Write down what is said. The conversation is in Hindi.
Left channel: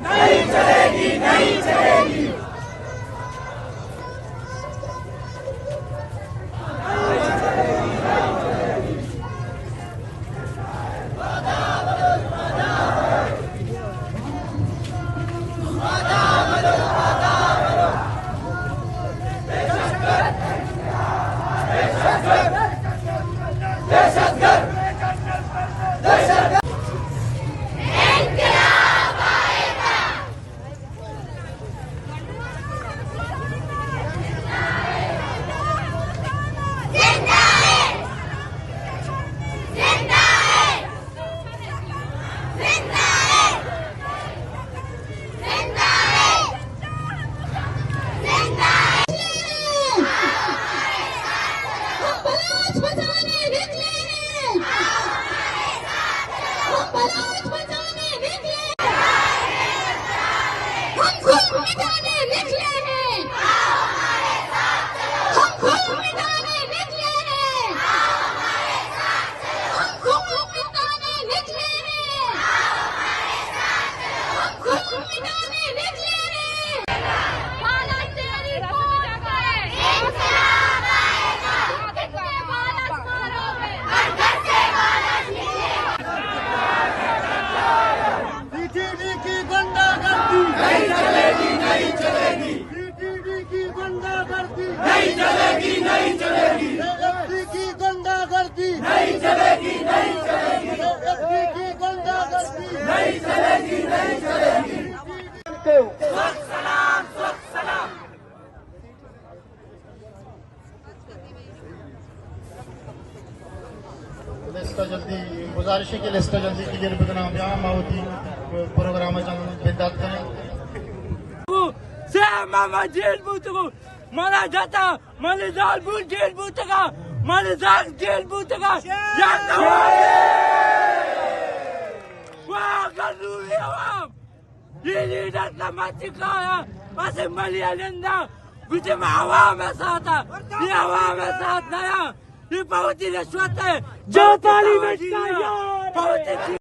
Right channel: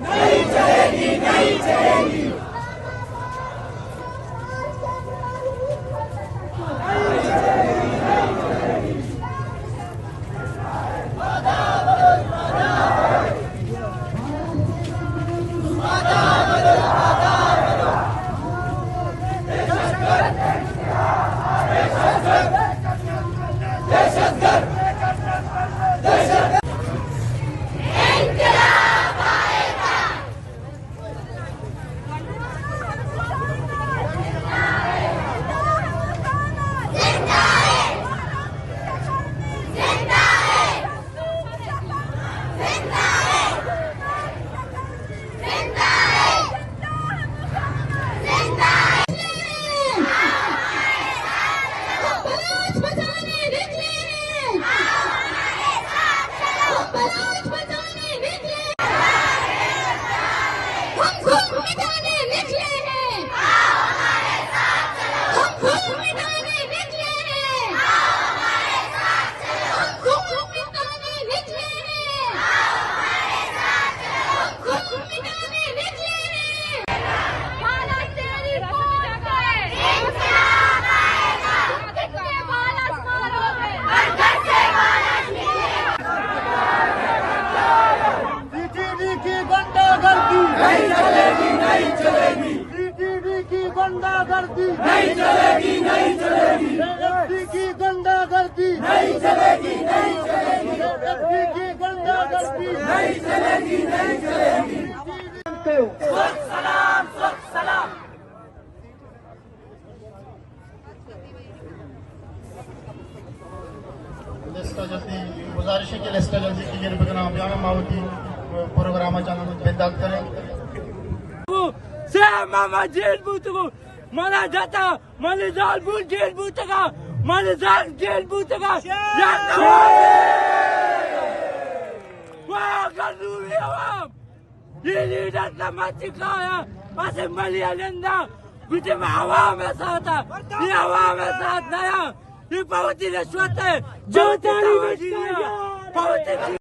नहीं चलेगी, नहीं चलेगी। नहीं चलेगी, नहीं चलेगी। की गुंडागर्दी नहीं चलेगी, नहीं चलेगी। की गुंडागर्दी नहीं चलेगी, नहीं चलेगी। सलाम, सलाम। लिस्ट जल्दी गुजारिश है कि लिस्ट जल्दी क्लियर करना आप मावती प्रोग्राम चालू बेदात करें मामा जेल बूतको मला जाता मला जाल बूल जेल बूतका मला जाल जेल बूतका यार वाह करू ये लीडर समाज का ऐसे मलियालंदा गुजे में हवा में साथ ये हवा में साथ नया ये बहुत ही रिश्वत है जो ताली बहुत